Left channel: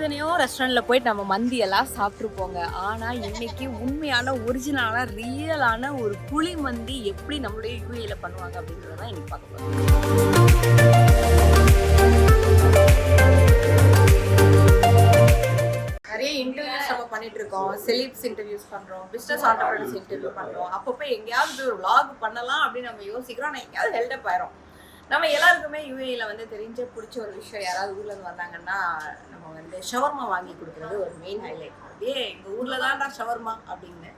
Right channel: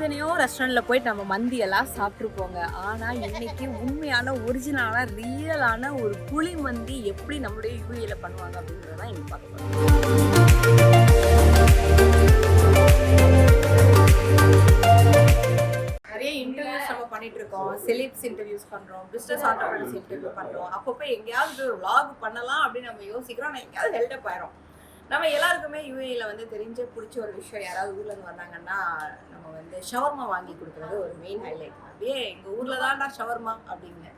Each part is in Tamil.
எத்தனையோ ரெஸ்டாரண்ட்டில் போயிட்டு நம்ம மந்தியெல்லாம் சாப்பிட்ருப்போங்க. ஆனால் இன்னைக்கு உண்மையான ஒரிஜினலான ரியலான ஒரு புளி மந்தி எப்படி நம்மளுடைய யூஏல பண்ணுவாங்க அப்படின்றதான் இன்னைக்கு பார்க்க போகிறோம். நிறைய இன்டர்வியூஸ் நம்ம பண்ணிட்டு இருக்கோம், செலிப்ஸ் இன்டர்வியூஸ் பண்றோம், பிசினஸ் ஆண்டர்பிரனர்ஸ் இன்டர்வியூ பண்றோம். அப்பப்போ எங்கேயாவது ஒரு vlog பண்ணலாம் அப்படின்னு நம்ம யோசிக்கிறோம். ஆனால் எங்கேயாவது ஹெல்டப் ஆயிரும். நம்ம எல்லாருக்குமே யூஏல வந்து தெரிஞ்ச பிடிச்ச ஒரு விஷயம், யாராவது ஊர்ல இருந்து வந்தாங்கன்னா நம்ம வந்து ஷவர்மா வாங்கி கொடுக்குறது ஒரு மெயின் ஹைலைட். அப்படியே எங்க ஊர்ல தான்டா ஷவர்மா அப்படின்னு.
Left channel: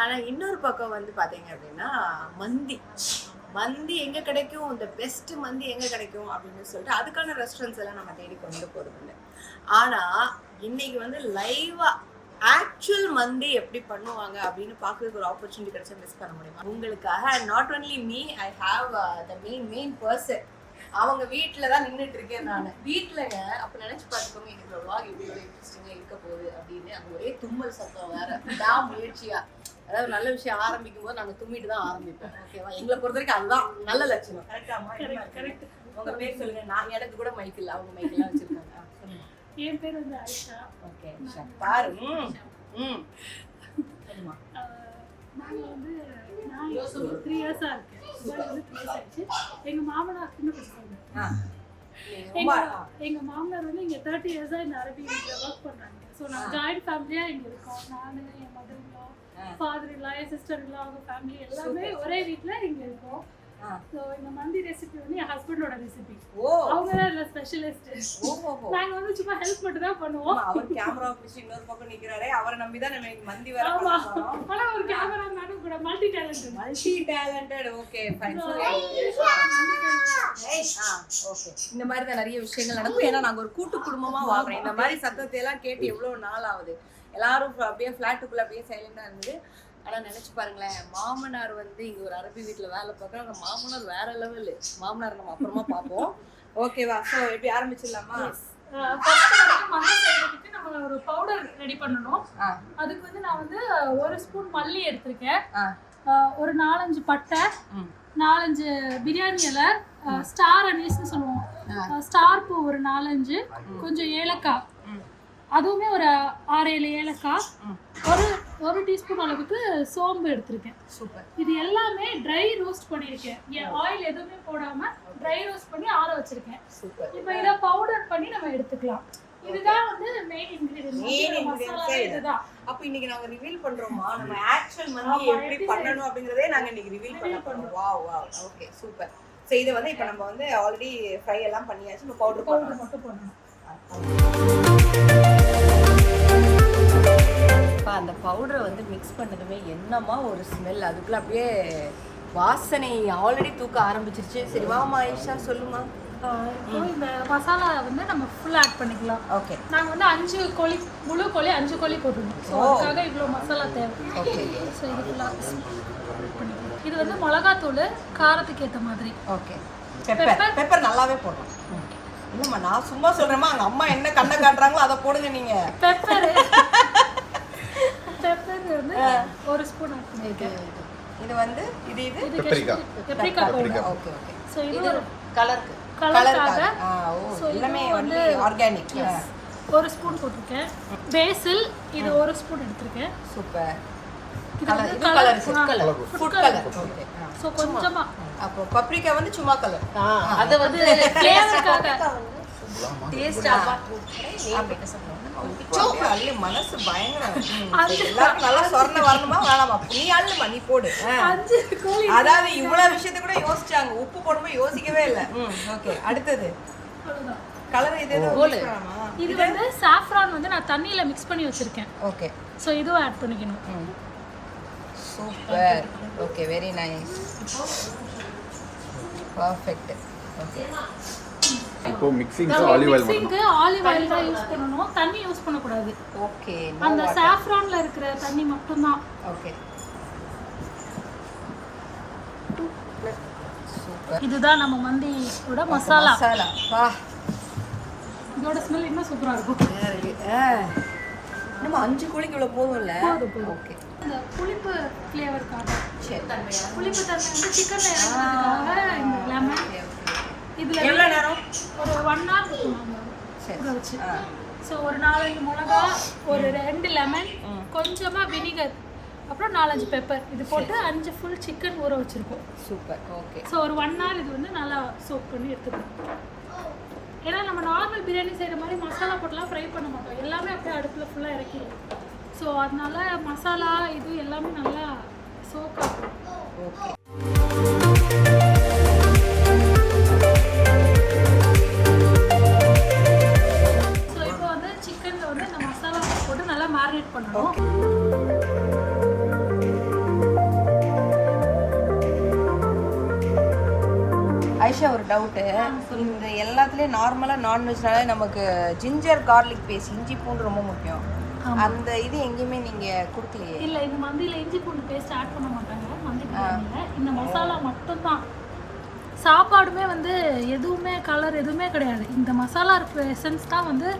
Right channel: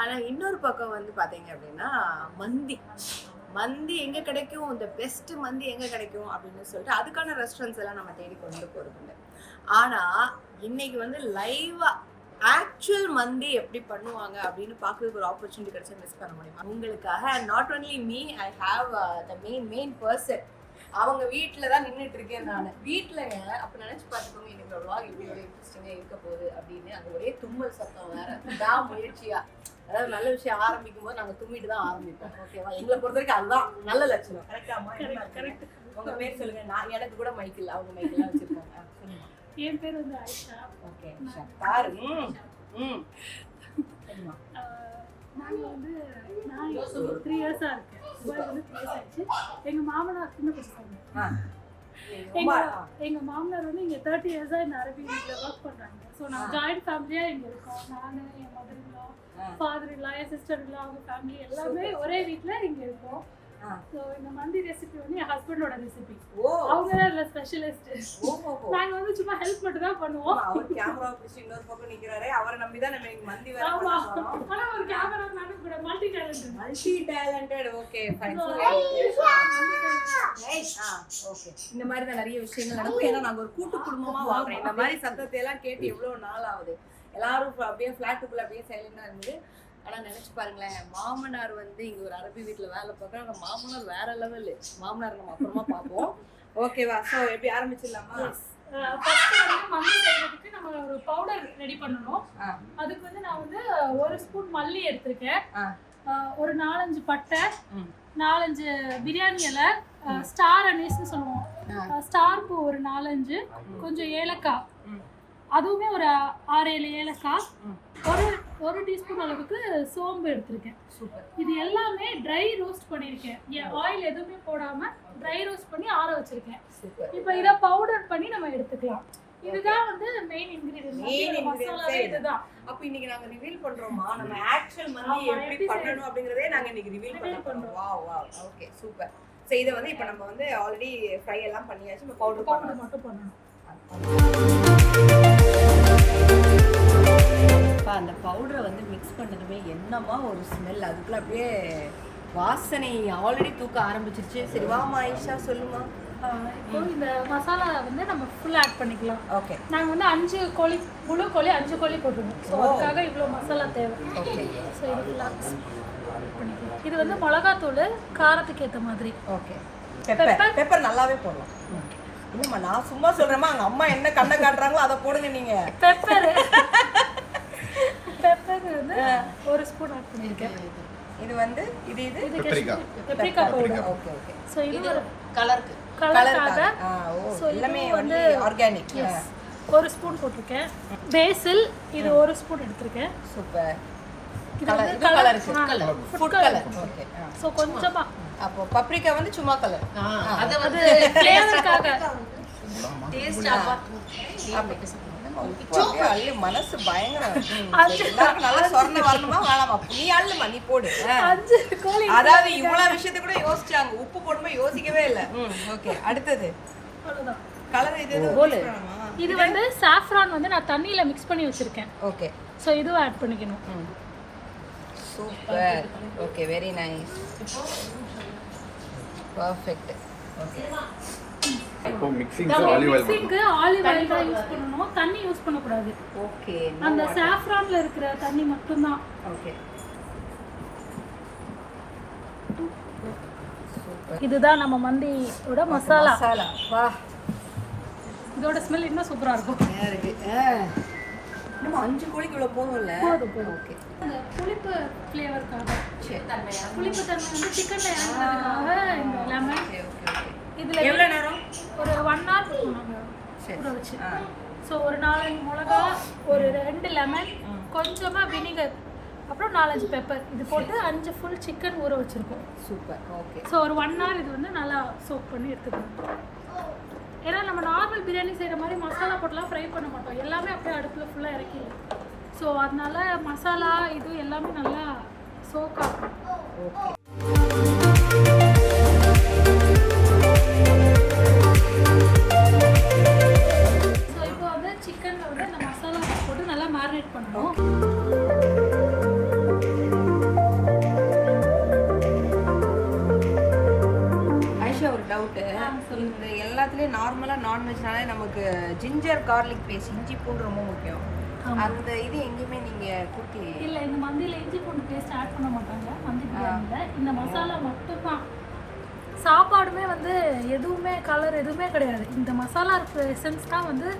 ஆனா இன்னொரு பக்கம் வந்து பாத்தீங்க அப்படின்னா மந்தி எங்க கிடைக்கும், இந்த பெஸ்ட் மந்தி எங்க கிடைக்கும் அப்படின்னு சொல்லிட்டு அதுக்கான ரெஸ்டாரண்ட்ஸ் எல்லாம் நம்ம தேடி கொண்டு போறது இல்லை. ஆனா இன்னைக்கு வந்து லைவா ஆக்சுவல் மந்தி எப்படி பண்ணுவாங்க அப்படின்னு பார்க்கறதுக்கு ஒரு ஆப்பர்ச்சுனிட்டி கிடைச்சா மிஸ் பண்ண முடியுமா? உங்களுக்காக not only me, I have the main person. அவங்க வீட்டில் தான் நின்றுட்டு இருக்கேன் நான். வீட்டிலங்க அப்போ நினச்சி பார்த்துக்கோங்க எனக்கு vlog எப்படி ஒரு இன்ட்ரெஸ்டிங்காக இருக்க போகுது அப்படின்னு. அங்கே ஒரே தும்மல் சத்தம் வேற தான் முயற்சியா. அதாவது நல்ல விஷயம் ஆரம்பிக்கும் போது நாங்கள் தும்மிட்டு தான் ஆரம்பிப்போம். ஓகேவா? எங்களை பொறுத்த வரைக்கும் அதுதான் நல்ல லட்சணம். கரெக்ட். உங்க பேர் சொல்லுங்க. நான் எனக்கு கூட மைக் இல்லை, அவங்க மைக்கெல்லாம் வச்சிருக்காங்க. சொல்லுங்க. என் பேர் வந்து ஆயிஷா. ஓகே பாரு. நாங்கள் வந்து நான் 3 இயர்ஸாக இருக்கேன். துபாய் வந்து 3 இயர்ஸ் ஆயிடுச்சு. எங்கள் மாமனார் சின்ன பசங்க. எங்கள் மாமனார் வந்து இங்கே 30 இயர்ஸாக இந்த அரபி வீட்டில் ஒர்க் பண்ணுறாங்க. ஸோ நாங்கள் ஜாயிண்ட் ஃபேமிலியாக இங்கே இருக்கோம். நான், என் மதர் இன்லா, ஃபாதர் இன்லா, என் சிஸ்டர் இன்லா, அவங்க ஃபேமிலி எல்லாமே ஒரே வீட்டில் இங்கே இருக்கோம். ஸோ இந்த மந்தி ரெசிபி வந்து என் ஹஸ்பண்டோட ரெசிபி. அவங்க தான் இதில் ஸ்பெஷலிஸ்ட். நாங்கள் வந்து சும்மா ஹெல்ப் மட்டும் தான் பண்ணுவோம். அவர் கேமரா பிடிச்சி இன்னொரு பக்கம் நிற்கிறாரே, அவரை நம்பி தான் நம்ம மந்தி வர. ஆனால் ஒரு கேமரா மேனும் கூட multi talented. Okay fine. Okay இந்த மாதிரி தான் நிறைய விஷயங்கள் நடக்கும். ஏன்னா நாங்கள் ஒரு கூட்டு குடும்பமாக வாங்குறோம். இந்த மாதிரி சத்தத்தை எல்லாம் கேட்டு எவ்வளோ நாள் ஆகுது. எல்லாரும் அப்படியே ஃப்ளாட்டுக்குள்ளே அப்படியே சைலண்டாக இருந்தது. ஆனால் நினச்சி பாருங்களேன், மாமனார் வந்து இங்கே ஒரு அரபி வீட்டில் வேலை பார்க்குறாங்க. மாமனார் வேற லெவலு. மாமனார் நம்ம அப்புறமா பார்ப்போம். ஓகேவா? ஸோ எப்படி ஆரம்பிச்சிடலாமா? ஃபர்ஸ்ட் வந்து மல்லி செய்யறதுக்கு நம்ம ஒரு பவுடர் ரெடி பண்ணணும். அதுக்கு வந்து நான் வந்து 1 ஸ்பூன் மல்லி எடுத்திருக்கேன், ஒரு 4-5 பட்டை, 4-5 பிரியாணி இலை, ஸ்டார் அனீஸ்னு சொல்லுவோம், ஸ்டார் பூ ஒரு 4-5, கொஞ்சம் ஏலக்காய், அதுவுமே ஒரு 6-7 ஏலக்காய், ஒரு டீஸ்பூன் அளவுக்கு சோம்பு எடுத்திருக்கேன். சூப்பர். இது எல்லாமே ட்ரை ரோஸ்ட் பண்ணியிருக்கேன். ஆயில் எதுவுமே போடாம ட்ரை ரோஸ்ட் பண்ணி ஆற வச்சிருக்கேன். சூப்பர். இப்போ இதை பவுடர் பண்ணி நம்ம எடுத்துக்கலாம். இதுதான் வந்து மெயின் இன்கிரிடியன்ட். மசாலா இதுதான். அப்ப இன்னைக்கு நாங்க ரிவீல் பண்றோமா நம்ம ஆக்சுவல் மந்தி எப்படி பண்ணனும் அப்படிங்கறதே நாங்க இன்னைக்கு ரிவீல் பண்றோம். வாவ். Okay super. சோ இத வந்து இப்போ நம்ம வந்து ஆல்ரெடி ஃப்ரை எல்லாம் பண்ணியாச்சு. நம்ம பவுடர் மட்டும் பண்ணனும். அந்த பவுடரை வந்து மிக்ஸ் பண்ணதுமே என்னமா ஒரு ஸ்மெல். அதுக்குள்ள அப்படியே வாசனை ஆல்ரெடி தூக்க ஆரம்பிச்சிருச்சு. சரி வாமா ஆயிஷா சொல்லுமா. இப்போ இந்த மசாலா வந்து நம்ம ஃபுல் ஆட் பண்ணிக்கலாம். ஓகே. நாங்கள் வந்து 5 கோழி, முழு கோழி 5 கோழி போட்டுருவோம். ஸோ அதுக்காக இவ்வளோ மசாலா தேவை. ஓகே. ஸோ இது ஃபுல்லாக இது வந்து மிளகாத்தூள் காரத்துக்கு ஏற்ற மாதிரி. ஓகே. பெப்பர் நல்லாவே போடலாம். இல்லைம்மா நான் சும்மா சொல்கிறேம்மா, அங்கே அம்மா என்ன கண்ணை காட்டுறாங்களோ அதை போடுங்க நீங்கள். பெப்பர் வந்து 1 ஸ்பூன் ஆட் பண்ணியிருக்கேன். இது வந்து இது பெப்ரிகா பவுடர். ஓகே. ஸோ இது ஒரு கலருக்காக. ஓ எல்லாமே வந்து ஆர்கானிக். 1 ஸ்பூன் போட்டிருக்கேன். பேசில் இது 1 ஸ்பூன் எடுத்திருக்கேன். சூப்பர். இது colour food colour. Okay. So கொஞ்சமா. அப்போ பப்ரிக்கா வந்து சும்மா கலர். அது வந்து ஃப்ளேவருக்காக. டேஸ்டாக அள்ளு மனசு பயங்கரம். எல்லாருக்கும் நல்லா சொர்ண வரணுமா வேணாமா? நீ அள்ளுமா, நீ போடு. அதாவது இவ்வளவு விஷயத்த கூட யோசிச்சாங்க. உப்பு போடும்போது யோசிக்கவே இல்லை. ஓகே அடுத்தது கலர். இது வந்து சாஃப்ரான் வந்து நான் தண்ணியில மிக்ஸ் பண்ணி வச்சிருக்கேன். ஓகே. ஸோ இதுவும் ஆட் பண்ணிக்கணும். Super. Okay very nice. Perfect. Okay. இப்போ மிக்ஸிங்க்கு ஆலிவ் ஆயில் தான் யூஸ் பண்ணனும், தண்ணி யூஸ் பண்ண கூடாது. ஓகே. அந்த சாஃப்ரான்ல இருக்கிற தண்ணி மட்டும் தான். ஓகே. சூப்பர். இதுதான் நம்ம மந்தியோட மசாலா. வா. இதோட ஸ்மெல் இன்னும் சூப்பரா இருக்கும். நம்ம 5 கோழிக்கு இவ்வளவு போதும்ல? போதும். ஓகே. இந்த புளிப்பு ஃப்ளேவர்க்காக, புளிப்பு தன்மை வந்து சிக்கன்ல இறங்குறதுக்காக இந்த லெமன். இதுல எவ்வளவு நேரம்? ஒரு 1 hour ஊறவச்சு. ஸோ ஒரு 4-5 மிளகா, ஒரு 2 லெமன், கொஞ்சமாக வினிகர், அப்புறம் 4-5 பெப்பர், இது போட்டு 5 ஃபுல் சிக்கன் ஊற வச்சுருக்கோம். சூப்பர். ஓகே. ஸோ ஒரு 1 hour இது வந்து நல்லா சோக் பண்ணி எடுத்துக்கணும். ஏன்னா நம்ம நார்மல் பிரியாணி செய்கிற மாதிரி மசாலா போட்டுலாம் ஃப்ரை பண்ண மாட்டோம், எல்லாமே அப்படியே அடுப்பில் ஃபுல்லாக இறக்கிடுவோம். ஸோ அதனால மசாலா இது எல்லாமே நல்லா சோக் ஆகும். ஓகே. ஸோ இப்போ வந்து சிக்கனில் வந்து அந்த மசாலா போட்டு நல்லா மேரினேட் பண்ணணும். ஐஷா, ஒரு டவுட்டு. இந்த எல்லாத்துலேயும் நார்மலாக நான்வெஜ்னாலே நமக்கு ஜிஞ்சர் கார்லிக் பேஸ்ட், இஞ்சி பூண்டு ரொம்ப முக்கியம். அந்த இது எங்கேயுமே நீங்கள் கொடுக்கலையே? இல்லை, இந்த மந்தியில் இஞ்சி பூண்டு பேஸ்ட் ஆட் பண்ண மாட்டாங்க மந்தி பிரியாணியில். இந்த மசாலா மட்டும்தான். சாப்பாடுமே வந்து எதுவுமே கலர் எதுவுமே கிடையாது. இந்த மசாலா இருக்கிற எசன்ஸ் தான் வந்து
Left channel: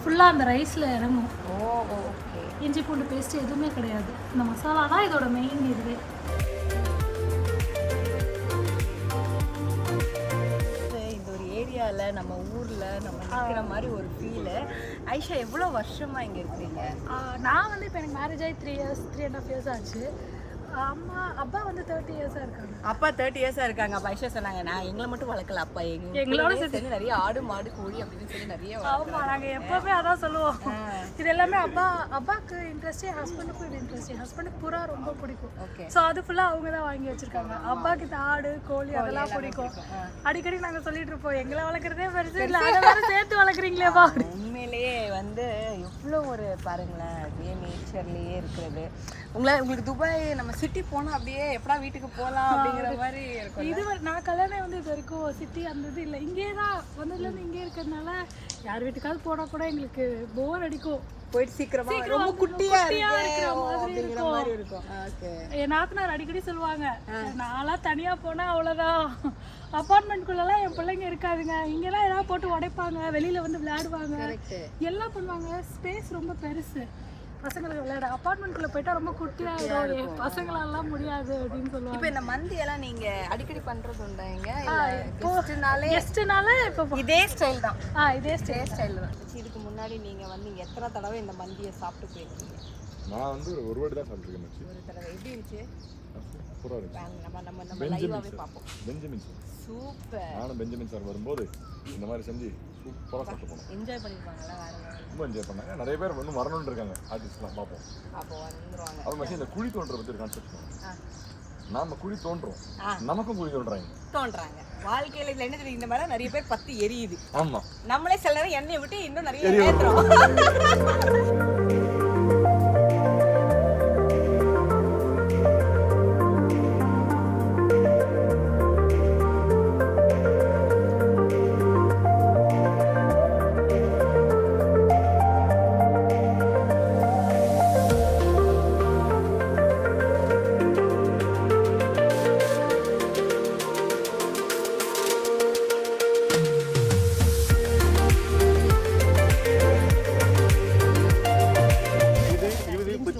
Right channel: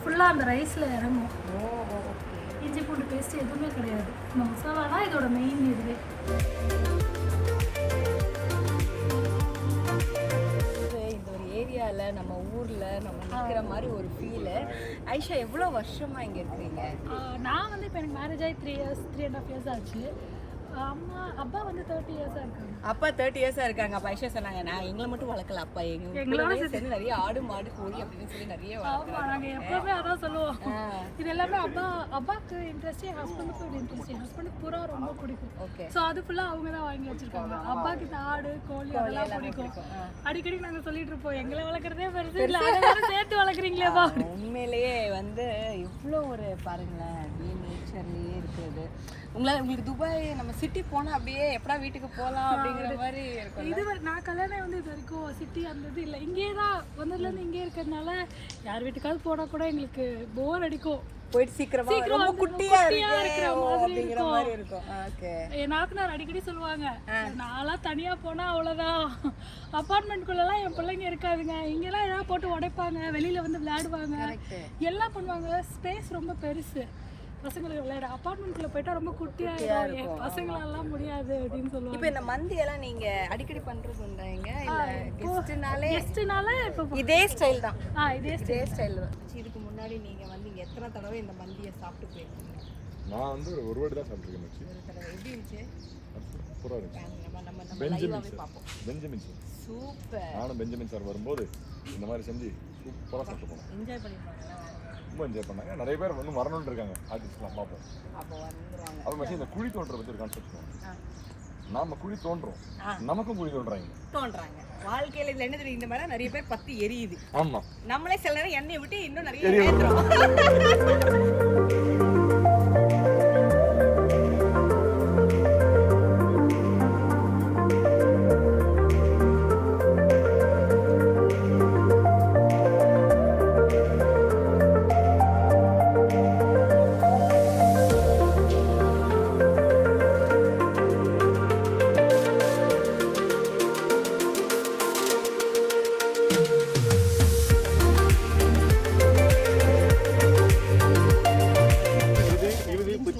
ஃபுல்லாக அந்த ரைஸில் இறங்கும். ஓகே. இஞ்சி பூண்டு பேஸ்ட் எதுவுமே கிடையாது. இந்த மசாலா தான் இதோட மெயின் இதுவே. ஏரியாவில் நம்ம ஊரில் நம்ம நிற்கிற மாதிரி ஒரு ஃபீலு. ஐஷா, எவ்வளோ வருஷமாக இங்கே இருக்கிறீங்க? நான் வந்து இப்போ எனக்கு மேரேஜ் ஆகி 3.5 years ஆச்சு. அப்பா வந்து 30 years-ஆ இருக்காங்க. அப்பா 30 years-ஆ இருக்காங்க. அப்போ ஐஷா சொன்னாங்க, நான் எங்களை மட்டும் வளர்க்கல, அப்பா எங்களோட சேர்ந்து நிறைய ஆடு மாடு கோழி அப்படின்னு சொல்லி நிறைய வளர்க்குறாங்க. நாங்கள் எப்போவுமே அதான் சொல்லுவோம். இது எல்லாமே அப்பாவுக்கு இன்ட்ரெஸ்ட், என் ஹஸ்பண்டுக்கும் இது இன்ட்ரெஸ்ட். என் ஹஸ்பண்டுக்கு புறா ரொம்ப பிடிக்கும். ஓகே. ஸோ அது ஃபுல்லாக அவங்க தான் வாங்கி வச்சிருக்காங்க. அப்பாவுக்கு இந்த ஆடு கோழி அதெல்லாம் பிடிக்கும். அடிக்கடி நாங்கள் சொல்லிட்டு இருப்போம், எங்களை வளர்க்குறதே பெருசு இல்லை, அதை வேறு சேர்த்து வளர்க்குறீங்களேப்பா. உண்மையிலேயே வந்து எவ்வளோ ஒரு பாருங்களேன், அப்படியே நேச்சர்லேயே இருக்கிறது. உங்களுக்கு துபாய் நம்ம சிட்டி போனால் அப்படியே எப்படா வீட்டுக்கு போகலாம் அப்படிங்கிற மாதிரி இருக்கும். இது நான் கல்யாணம் வந்து இது வரைக்கும் சிட்டி அந்த இது இல்லை, இங்கே தான் வந்ததுலேருந்து இங்கே இருக்கிறதுனால யார் வீட்டுக்காவது போனால் கூட எங்களுக்கு போர் அடிக்கும். போயிட்டு சீக்கிரம் குட்டியாக இருக்கிற மாதிரி இருக்கும். என் நாத்தனார் அடிக்கடி சொல்லுவாங்க, நான்லாம் தனியாக போனால் அவ்வளோதான், அப்பார்ட்மெண்ட்குள்ளெல்லாம் என் பிள்ளைங்க இருக்காதுங்க, இங்கெல்லாம் ஏதாவது போட்டு உடைப்பாங்க, வெளியில் வந்து விளையாடுவாங்க, எல்லாம் பண்ணுவாங்க, ஸ்பேஸ் ரொம்ப பெருசு பசங்களுக்கு விளையாட. அப்பார்ட்மெண்ட்குள்ளே போயிட்டா ரொம்ப குட்டியாயிடும், என் பசங்களெல்லாம் முடியாது அப்படின்னு சொல்லுவாங்க. இப்போ இந்த மந்தி எல்லாம் நீங்கள் அடிக்கடி பண்ணுறது உண்டாங்க இல்லை கெஸ்ட்டுனாலே இப்போ இதே ஸ்டைல் தான்? இதே ஸ்டைல் தான். இதுக்கு முன்னாடி நீங்கள் வந்து எத்தனை தடவை இந்த மந்தியை சாப்பிட்டு போயிருக்கீங்க? நான் வந்து ஒரு வாட்டி தான் சாப்பிட்ருக்கேன் மச்சி. ஒரு தடவை. எப்படி இருந்துச்சு? சூப்பராக இருந்துச்சு. நம்ம லைவாகவே பார்ப்போம். Benjamin sir super. நானும் பெஞ்சமின் சார் வரும்போது இந்த மாதிரி செஞ்சு சூப்பராக சாப்பிட்டு போனோம். என்ஜாய் பண்ணியிருப்பாங்களா? ரொம்ப என்ஜாய் பண்ணாங்க. நிறைய பேர் வந்து வரணும்னு இருக்காங்க, ஆர்டிஸ்ட்லாம் பார்ப்போம். அப்போ வந்துருவாங்க. அது மாதிரி இந்த குழி தோன்ற பற்றி ஒரு கான்செப்ட் சொல்லுவாங்க. நாம குழி தோன்றோம், நமக்கும் குழி தோன்றாங்க. வாழ்க்கையில இதுல என்ன தெரியும், இந்த மாதிரி நிறைய பேர் பத்தி எரியுது. ஆமா, நம்மளே சில நேரம் எண்ணெயை விட்டு இன்னும் நிறைய ஏத்துறோம்.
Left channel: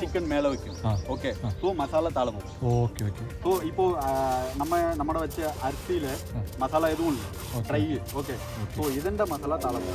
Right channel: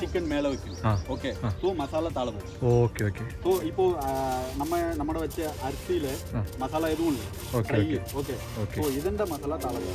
चिकन मेले ओके तो मसाला तालमो ओके ओके तो இப்போ நம்ம வச்ச அரிசியில மசாலா எதுவும் இல்ல ட்ரை ஓகே சோ இதெந்த மசாலா தாளமோ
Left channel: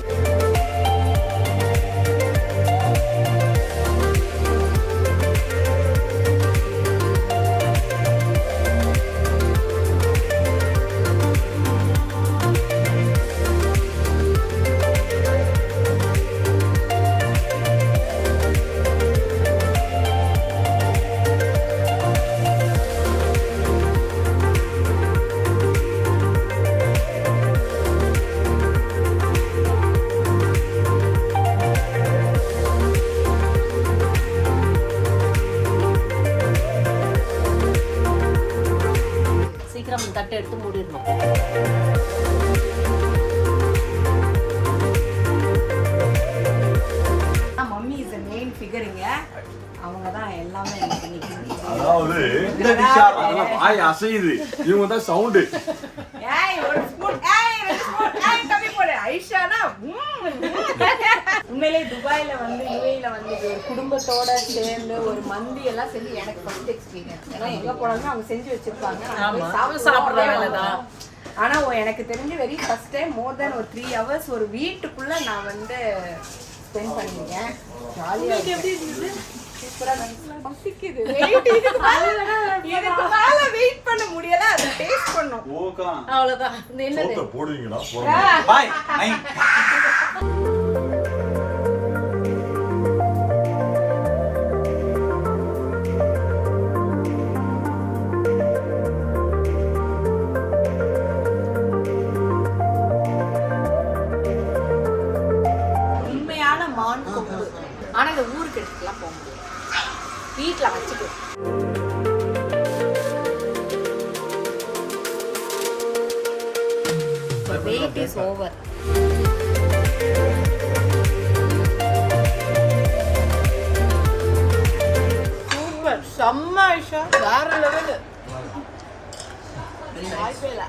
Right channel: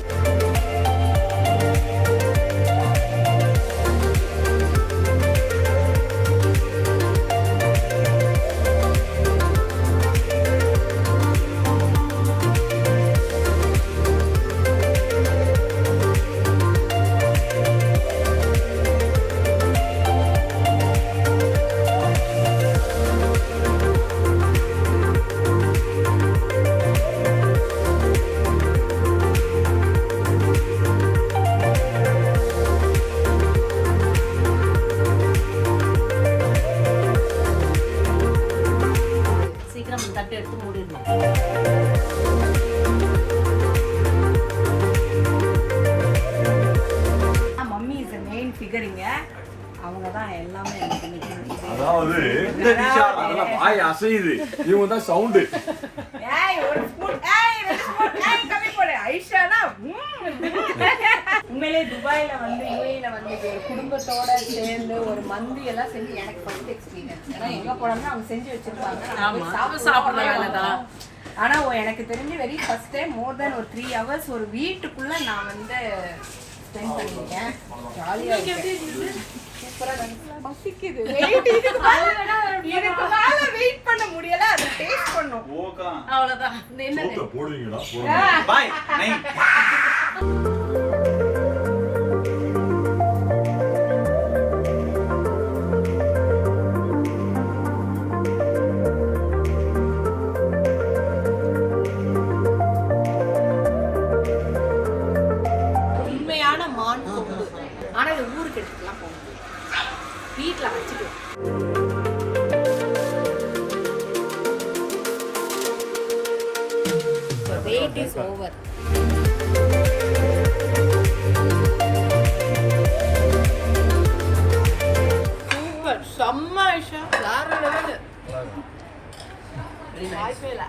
உண்மையிலே துபாயில வந்து யுஏஇல வந்து ஒரு குடும்பத்தோட சேர்ந்து ஒரு மந்தி எல்லாம் செஞ்சு எனக்கு ஃபர்ஸ்ட் எக்ஸ்பீரியன்ஸ். ஏன்னா எங்க போனாலும் அவங்க செஞ்சு வச்சிருப்பாங்க, சாப்பிடுறதான். ஆனா எனக்கு தெரிஞ்ச வெரி ஃபர்ஸ்ட் டைம் மோர் தென் ஒரு 3 hours ஒரு வீட்டுக்குள்ள நான் வந்து ஸ்பெண்ட் பண்ணிருக்கேன். ஜாலியா உங்களுக்கு எப்படி இருந்தது? சூப்பரா பசிக்குது. வெயிட் இதுக்கு மேல வெயிட் பண்ண முடியல. அது டேஸ்ட் பண்ணோம். ஓகே அவ்வளவுதான். இது என்னது? சோத்த போடுவீங்களா? பாய் நைன் உண்மையான மான் கொம்பு. ஆனா இதை ஊருக்கு எடுத்துக்கலாம் போக முடியாது. வீட்டுல வச்சுக்கலாம். Weight is over. சூப்பர். செம்ம ஐஷா. வேற லெவல். வாய்ப்பே இல்லை.